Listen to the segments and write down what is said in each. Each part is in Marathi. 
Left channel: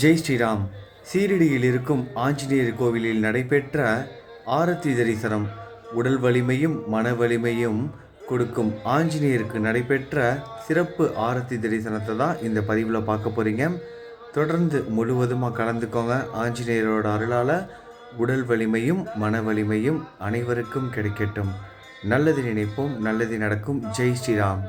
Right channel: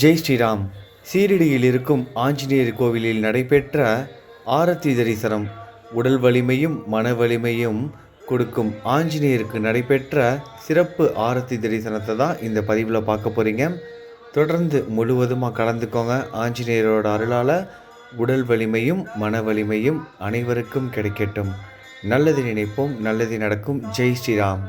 ஜெய் ஸ்ரீராம். சீரடியில் இருக்கும் ஆஞ்சநேயர் கோவிலில் நடைபெற்ற ஆரத்தி தரிசனம் உடல் வலிமையும் மன வலிமையும் கொடுக்கும் ஆஞ்சநேயருக்கு நடைபெற்ற சிறப்பு ஆரத்தி தரிசனத்தை தான் இந்த பதிவில் பார்க்க போகிறீங்க. தொடர்ந்து முழுவதுமாக கலந்துக்கோங்க. ஆஞ்சநேயரோட அருளால் உடல் வலிமையும் மன வலிமையும் அனைவருக்கும் கிடைக்கட்டும். நல்லது நினைப்போம், நல்லது நடக்கும். ஜெய் ஸ்ரீராம்.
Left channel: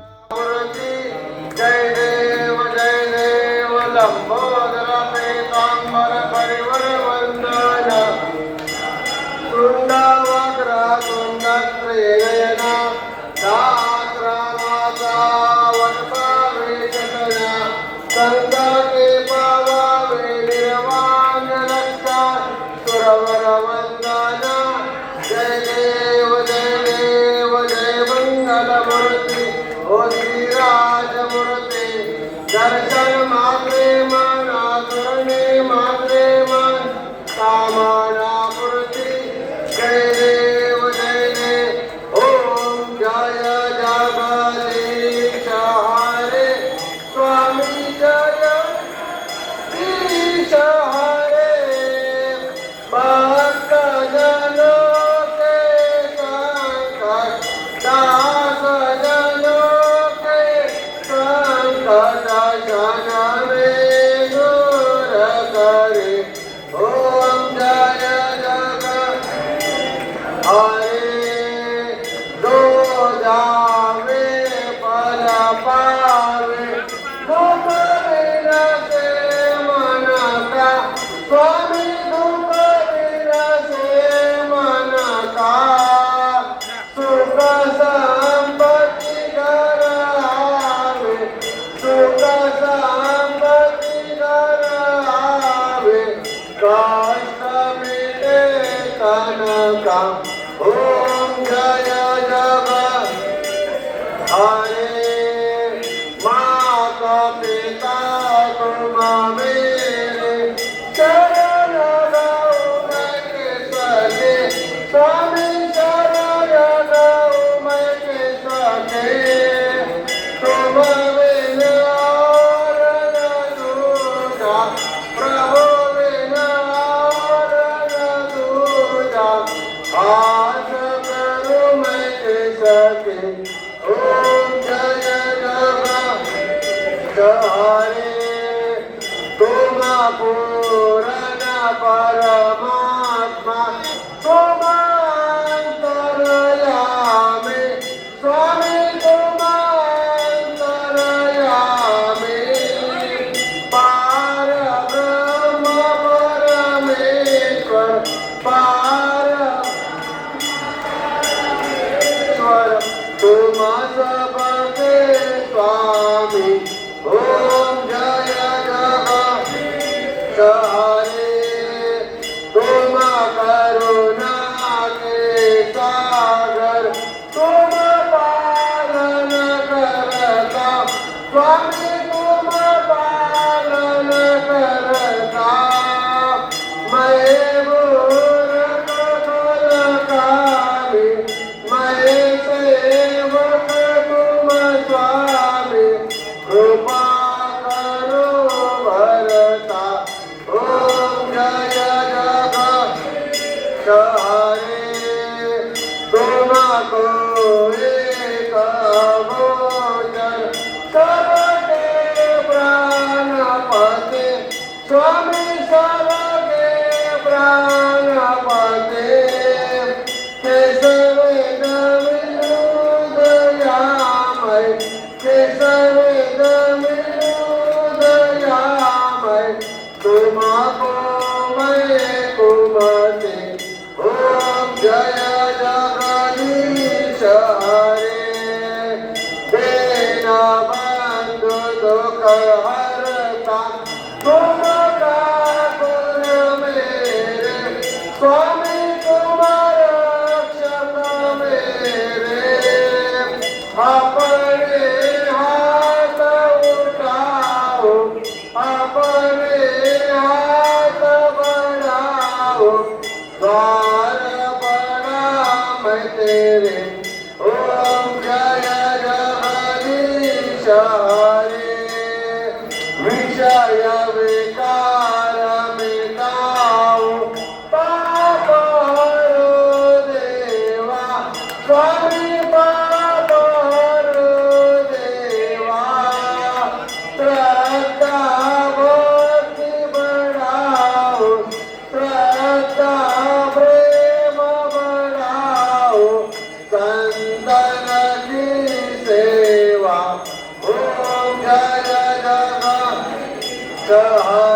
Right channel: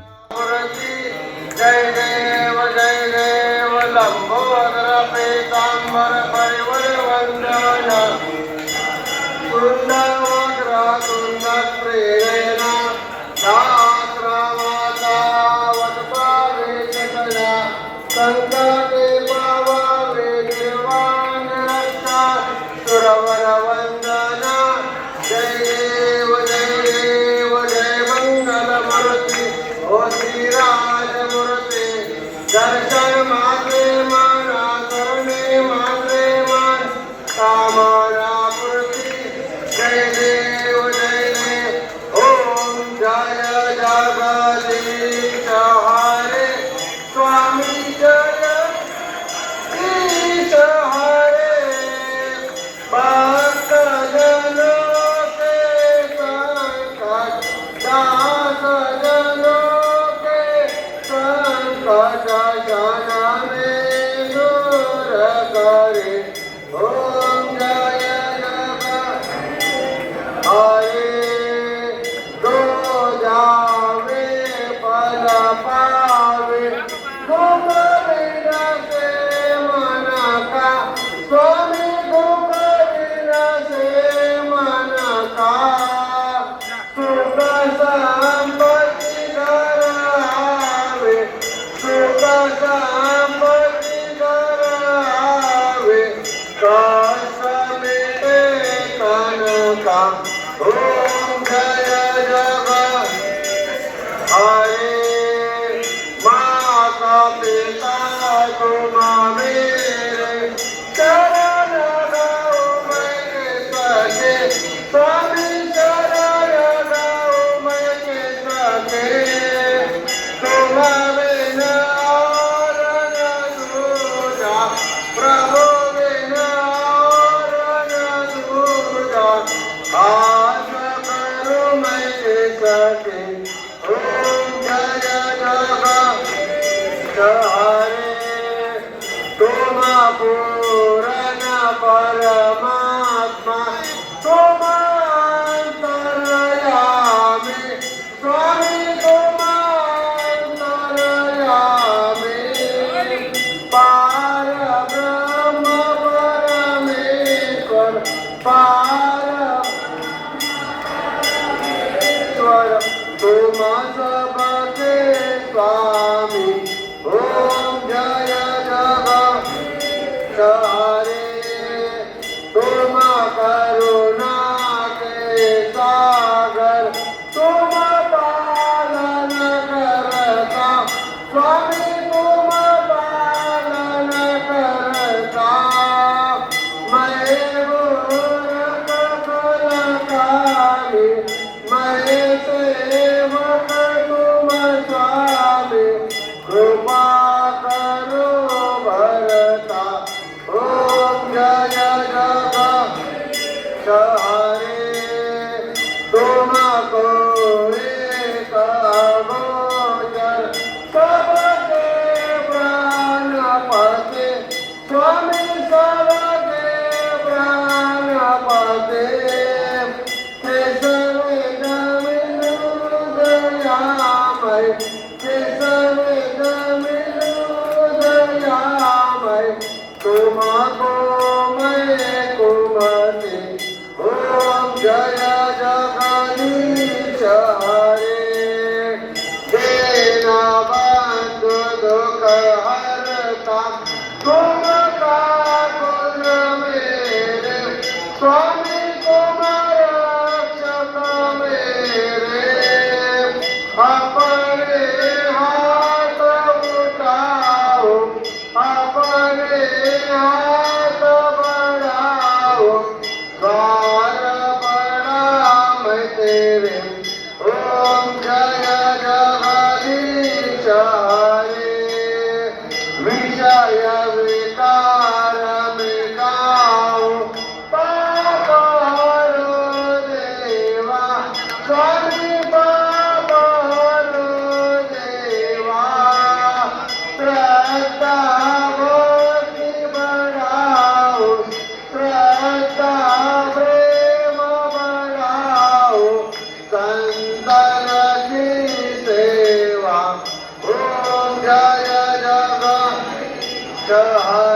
विषय विकार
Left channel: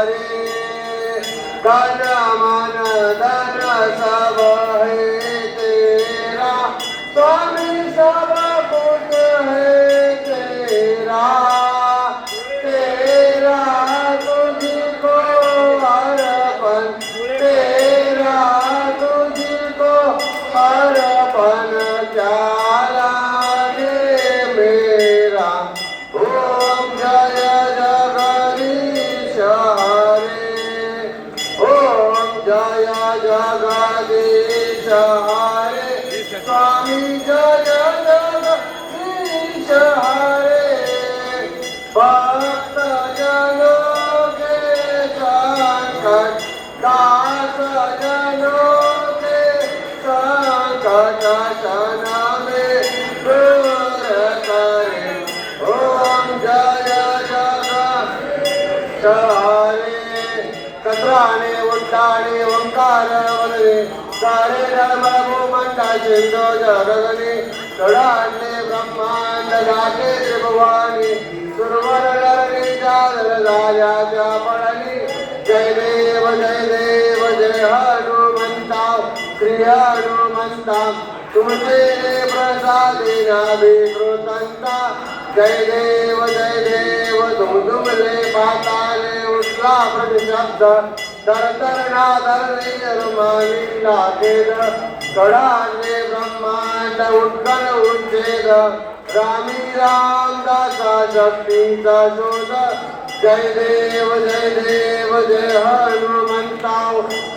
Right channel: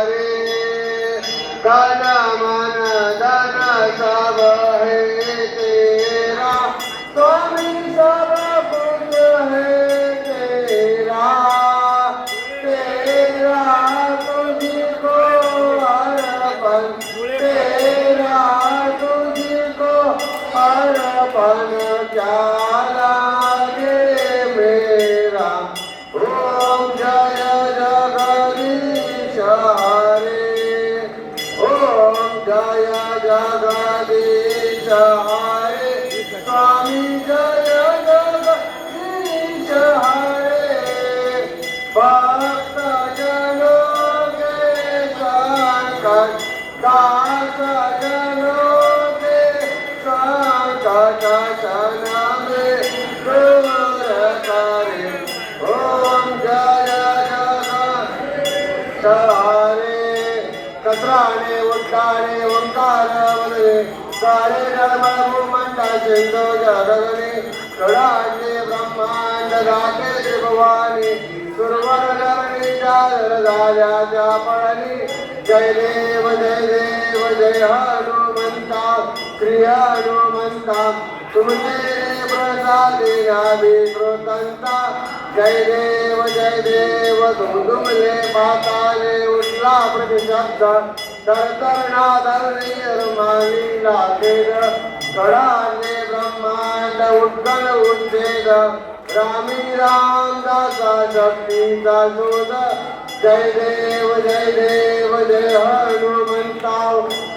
रे कन मन धन सब है तेरा स्वामी सब कुछ है तेरा तेरा तुझको अर्पण तेरा तुझको अर्पण क्या लागे मेरा ओम जय जगदीश हरे ओम जय जगदीश हरे स्वामी जय जगदीश हरे भक्त जनों के संकट दास जनों के संकट क्षण में दूर करे ओम जय जगदीश हरे कत्राणे उट्टाणे ओंकार वदने सारे धर्म भूमंडा सिंधो जगगणे कडाणे ब्रह्मांड राखे भगवानी सुरवर करणे चादर राजा पळणी जय देव जय हनुमंता श्री हनुमंता तुमचे प्रसादे नाभिकृतंता जय देव धुंदुमले पाताले उठला प्रतिशब्द तरतरणा धरणी लागेल कडाने ब्रह्मांड उत्कल उच्छेद रामी रामदासा शक्तीचा शोध जय देव जय हनुमंता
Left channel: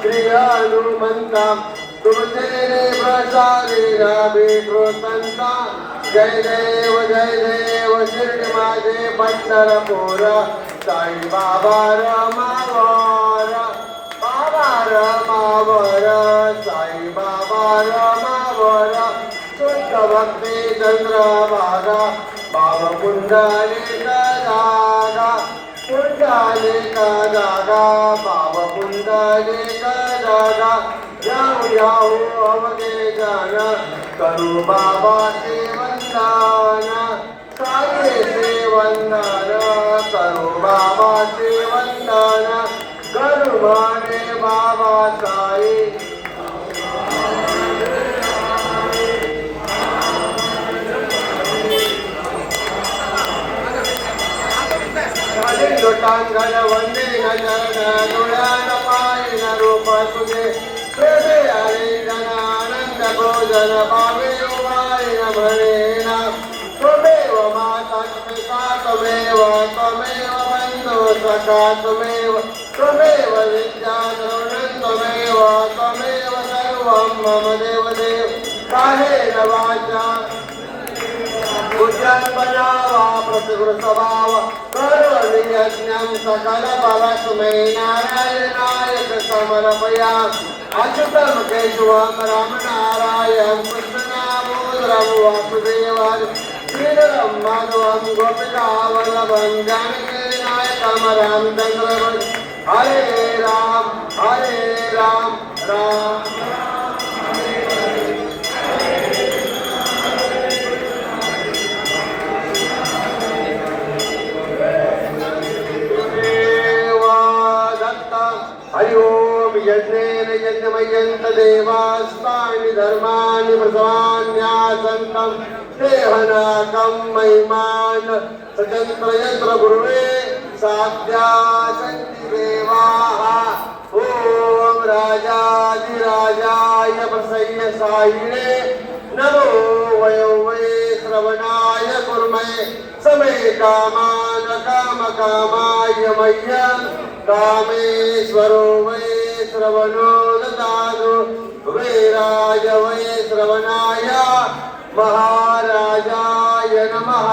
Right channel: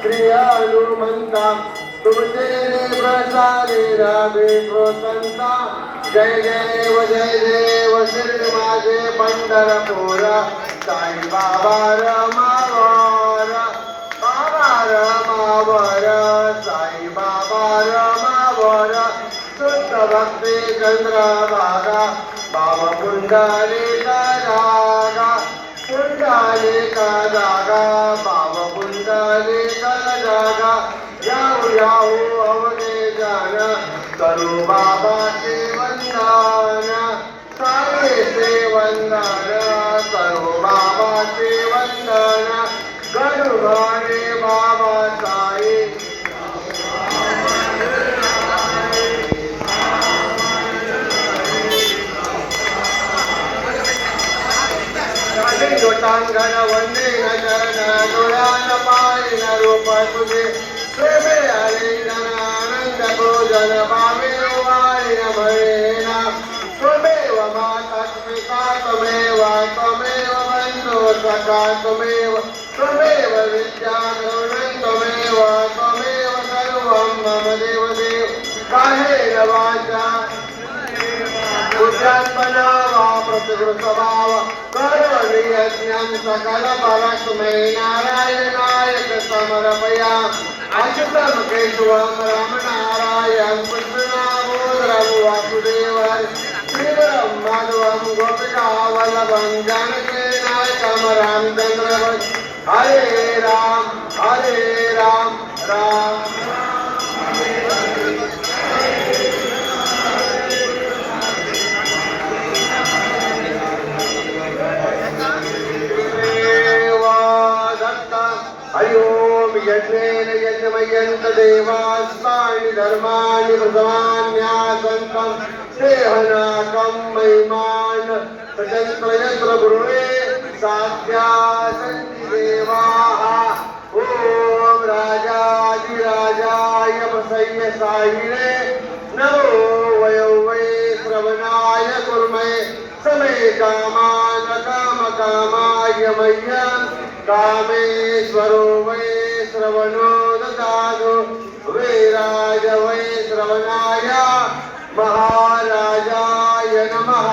श्री हनुमंता तुझे प्रसादे नाभिकृतंता जय देव शिर्डी माझे पंढरपूर साई बाबा रमावर साई बाबा रमावर शुद्ध भक्ती चंद्रभागा बाबा पुंडलिका जागा बाबा पुंडलिका जागा जाऊ अवघे जन करू बाबाचे वंदन साईचे वंदन करू बाबाचे वंदन करू म्हणे बाबा साई लोटांगण वंदे गजन डोळ्यान पाहिन रूप तुझे प्रेमे आले जन आनंद भोजन पावे वाय भरेन त्वमेव माता पिता त्वमेव बंधु सखा त्वमेव विद्या गुणं त्वमेव सर्वं मम देवदेव काहेन वाचा उद्यात्मना वा प्रतिगृहस्वभाव करोमि यज्ञं सकल परस्मै नारायणाय समर्पयामि अच्युतं केशवं रामनारायणं कृष्णदामोदरं वासुदेवं श्रीधरं माधवं गोपिकावल्लभं जानकीनाथं रामचन्द्रं हरे राम राम यज्ञेन यज्ञमयन्त देवास्तानि धर्माणि प्रसवान्यासन्तं देहनाकं महिमान् सत्ययत्र गुरुवे साध्या सन्ति देवाः ॐ राजाधिराजाय प्रसय्य साहिणे नमो वयो वै श्रवणाय कुर्महे समे कामान् कामकामाय मह्यं कामेश्वरो वै श्रवणो ददातु वीराय वै श्रवणाय महाराजाय नमः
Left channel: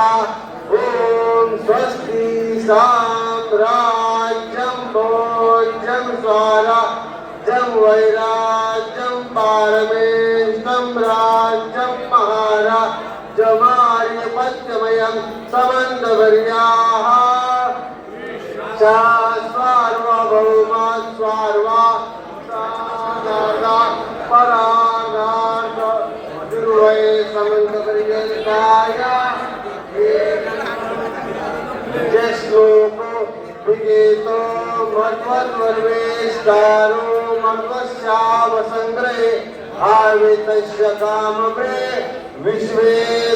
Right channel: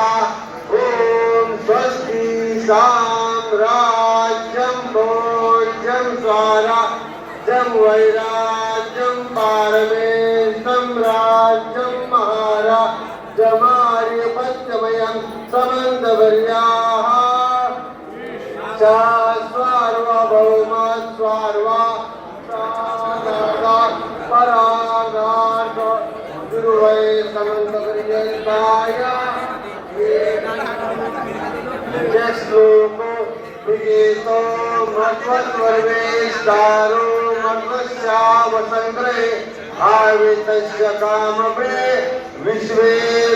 ॐ स्वस्ति साम्राज्यं भोज्यं स्वराज्यं वैराज्यं पारमेष्टं राज्यं महाराजमाधिपत्यमयं समन्तवर्याः सार्वभौमा स्वार्वा परागात गुरुवै समन्तपर्यन्ताय श्लोको विगीतो मत्वद्वर्वेष्टारो मत्वस्यावसङ्ग्रहे आवितस्य कामवे विश्वे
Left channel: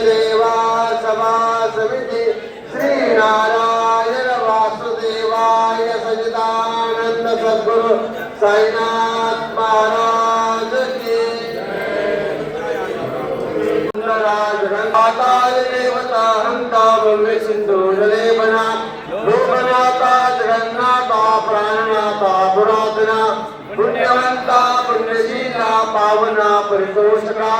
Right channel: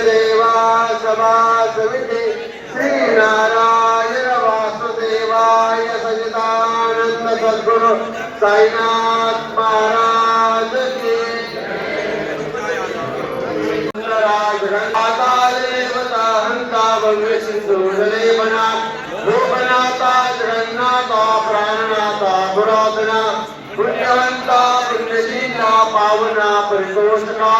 देवा सभासविति श्रीनारायण वासुदेवाय सच्चिदानंद सद्गुरु साईनाथ महाराज की आकाश देवता हंता भव्य सिंधु जलेमना भूमनाथा जगन्नाथा प्राणनाथा पुरातना पुण्यवंता पुण्यशीला पावना परितोषका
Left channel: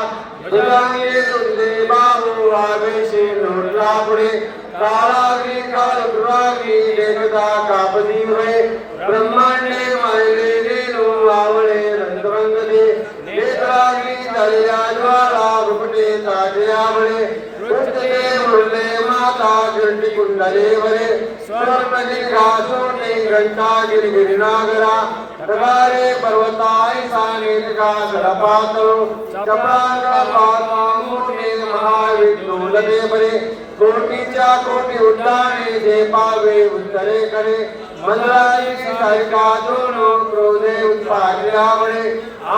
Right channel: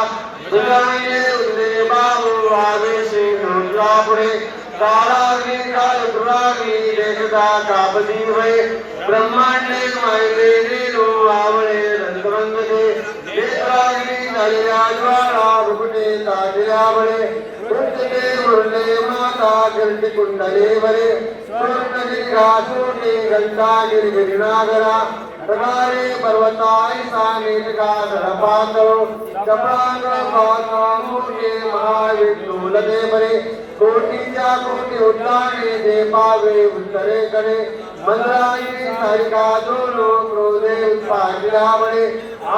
दुर्गाये उदे बाहु आवेशे नोत्रापुरे कालाग्नि कालपुराग्नि एकदा कापदी वे ब्रह्मांडे मायले नीलो आवळे रंगवंगते नेत्राग्नि दर्या ज्वाला गुपटे ताडियावळे उद्दे मुरले माता गिरटी कुंडले वरे स्वरमणि घासोटे घंटा गिरिगिरिनागरा प्रकारे पर्वताय साने का गलपातो चपरान का पाता मुठे महाविष्णु लगे बरे कोटीच्या कोटी उड्डाणे दे पावे उत्तरे करे मंदराई सारिका दोनो क्रोधे उत्पादिरावळे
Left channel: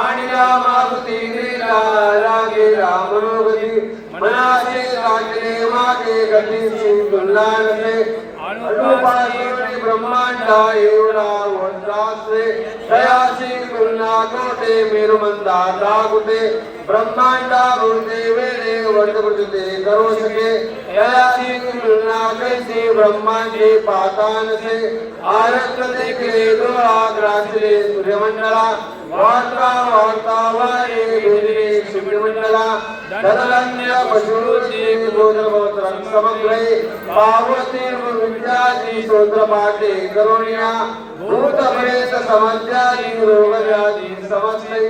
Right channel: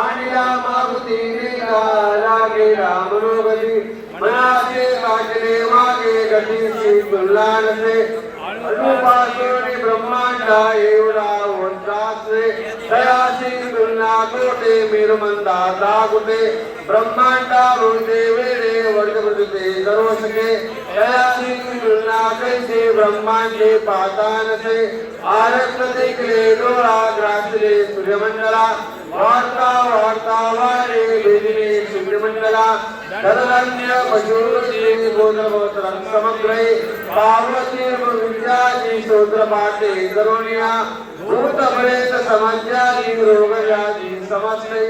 आणिला मारुती नीला लागे रामनोगती मनाचे काटणे मागे गतीची तुलनाने अनुपासोनी ब्रह्मांडा एवढा वंत्रासे दयासी तुलना कोटे मेरुमंदा दागुते ब्रह्मांडा भूते वेरे वर्धकृते करोसके दयासी तुलना कैसे ब्रह्मांडे पातान से आरक्त दिखले डोळा ग्रासले सूर्यमंडला वार्ता वार्ता वारे वेदिने सूर्यमंडला तदनन्य पशुरुचि गोत्रगोत्रं समग्रे पार्वती विद्याजी स्तोत्र पाठे करुणिया भूतप्रेत समज्जाजी रोगव्याधी समस्ते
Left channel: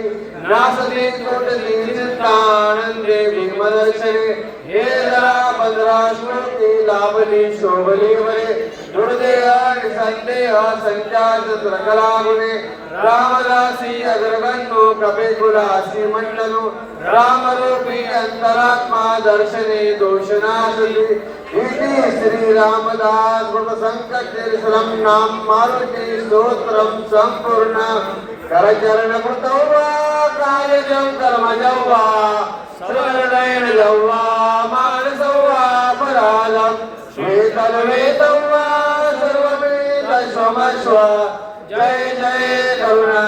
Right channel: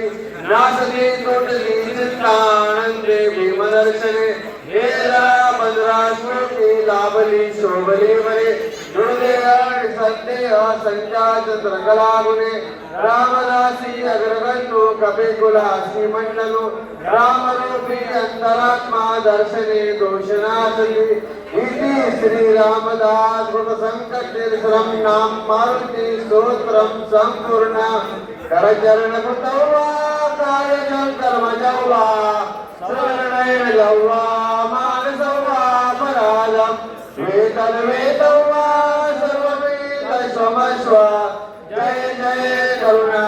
नासते तोटली चित्तानंदे भीमदर्शने हे जरा बंदरा स्मृती लाभली शोभली वरे गुरुदेवा संदेहा संख्यात द्रगलामुने रामदासी अग्रगण्यो कपिकुलासी मंडलो रामरूपी अंतरात्मा दर्शने दोषनाशुली इति श्री रामदास गुण संकटीर्षरं नाम मारुति स्तोत्रं संपूर्ण करचरण कृतवा कार्यजं कर्मजवा श्रवणेन लव्वा मानसवा पराजं वेतलवेतवा सर्ववेद स्वमस्व जय जय करुणा